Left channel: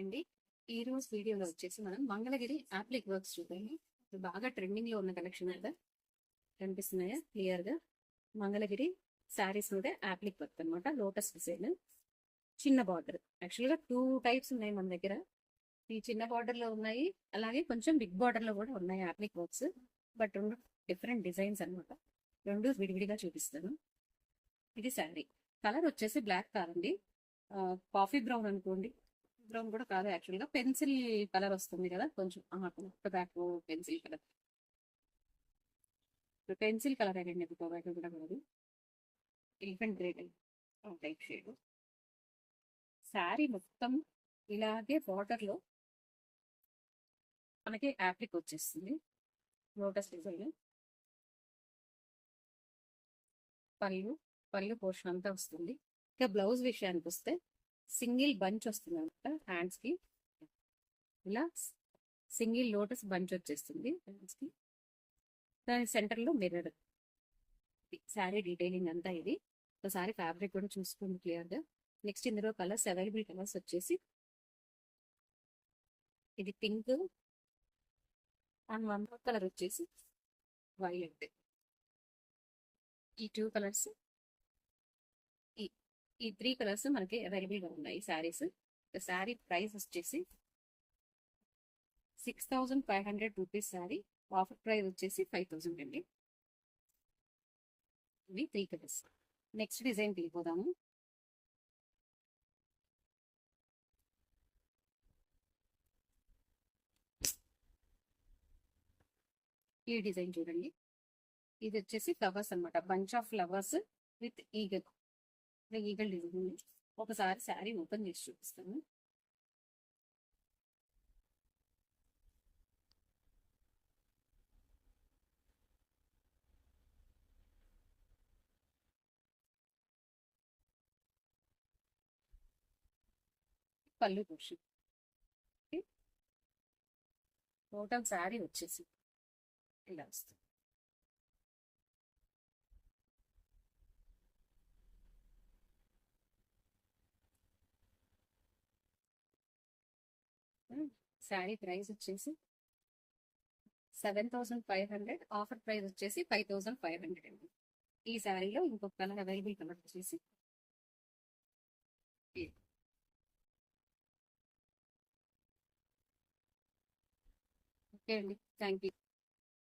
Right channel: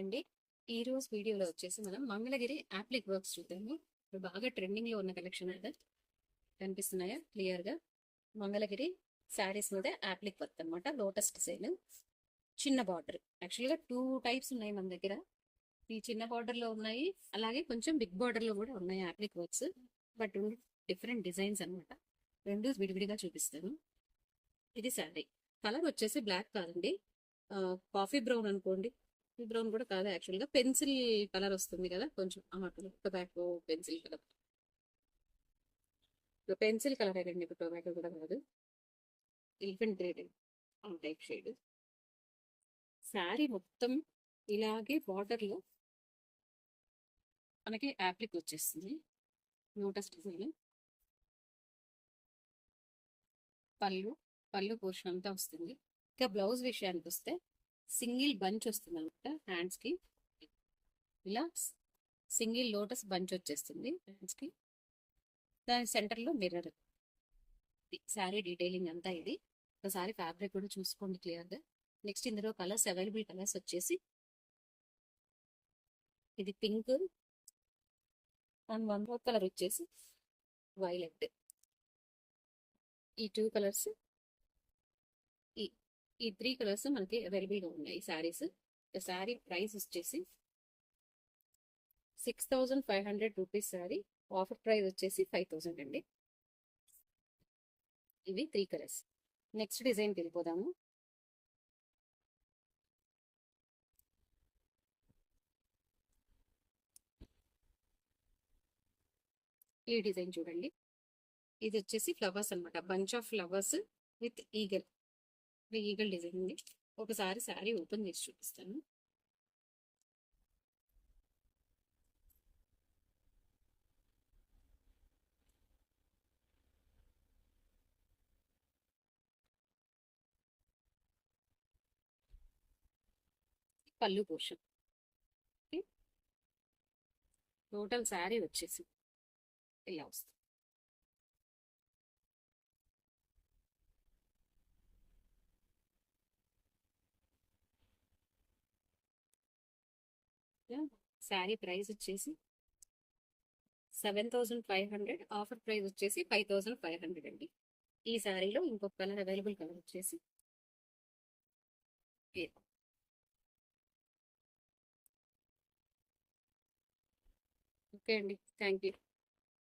అండి ఈ రోజు వీడియోలో వచ్చేసి మనం మంగళగిరి యాప్లిక్ వర్క్స్ చూద్దాము. ఇప్పుడు బాగా ట్రెండింగ్ లో ఉన్న కలెక్షన్ కదా, కనిపిస్తున్నాయా క్లియర్ గా? మంగళగిరి శారీస్ మీద యాప్లిక్ వర్క్ అనమాట. లోటస్ డిజైన్, చిన్న బార్డర్. యాక్చువల్ గా 2 టైప్స్ ఉన్నాయి మన దగ్గర. ఈ చిన్న బార్డర్ లో ఉన్నాయి, అలాగే కొంచెం బిగ్ బార్డర్ లో కూడా ఉన్నాయి యాప్లిక్ వర్క్స్. బట్ రెండు డిఫరెంట్ డిజైన్స్ అనమాట. రెండు విడివిడిగా చూపిస్తాను. ఇది శారీ కలర్ వచ్చేసి బ్లాక్ కాదండి, కాఫీ బ్రౌన్ అనుకోండి. కాఫీ బ్రౌన్ కూడా కాదు, యాక్చువల్ గా పెన్సిల్ కలర్ వస్తుంది కదా కొంచెం, tobacco pencil colour. Pencil colour అండి, టొబాకో కూడా కాదు. ఎలిఫెంట్ గ్రీన్ ఆ టైప్ షేడ్. శారీ మొత్తం ఇలాగే బార్డర్ లో మనకి యాప్లిక్ వచ్చేస్తుంది, లోటస్ డిజైన్. పళ్ళు పళ్ళు పోర్షన్ అంతా వస్తుంది. ఇక బ్లౌజ్ విషయానికి వస్తే సింగిల్ బంచ్ వస్తుంది అనమాట హ్యాండ్స్ కి. ఇలా సింగిల్ లోటస్ బంచ్ వచ్చేస్తుంది హ్యాండ్స్ కి. దాని సెంటర్ లో మిర్రర్. శారీ డీటెయిలింగ్ అంతా ఇది. ఒకసారి ఫ్యాబ్రిక్ కూడా చూసుకోండి క్లియర్ గా. నెక్స్ట్ ఇందులో కలర్స్, అవైలబుల్ కలర్స్ వచ్చేసి ఇది pink and one more colour వచ్చేసి వైలెట్. ఈ 2 కలర్స్, ఈ ఈ 3 కలర్స్ మనకి అవైలబుల్ గా ఉన్నాయి శారీస్. శారీ ప్రైస్ వచ్చేసి 6500 రూపీస్ శారీ. ఆఫర్ ప్రైస్ వచ్చేసి 5000 అండి. ఇవి 3 కలర్స్. నెక్స్ట్ డిజైన్కి వెళ్ళిపోదాము. ఈ డిజైన్ చూడండి. ఇది వచ్చేసి ఫ్లవర్స్ అనమాట, bunch of flowers with eagle. Eagle design ఉంది. ఒకసారి శారీ ఓపెన్ చేసి చూపిస్తాను. పళ్ళు పోర్షన్. టోటల్ శారీ వచ్చేసి ఇలా వస్తుంది. శారీ ప్రైస్ వచ్చేసి 7500. ఆఫర్ ప్రైస్ వచ్చేసి 5500 అండి. ఈ శారీలో ఇంకొక కలర్, అవైలబుల్ కలర్ వచ్చేసి ఓకే అండి. Thank you.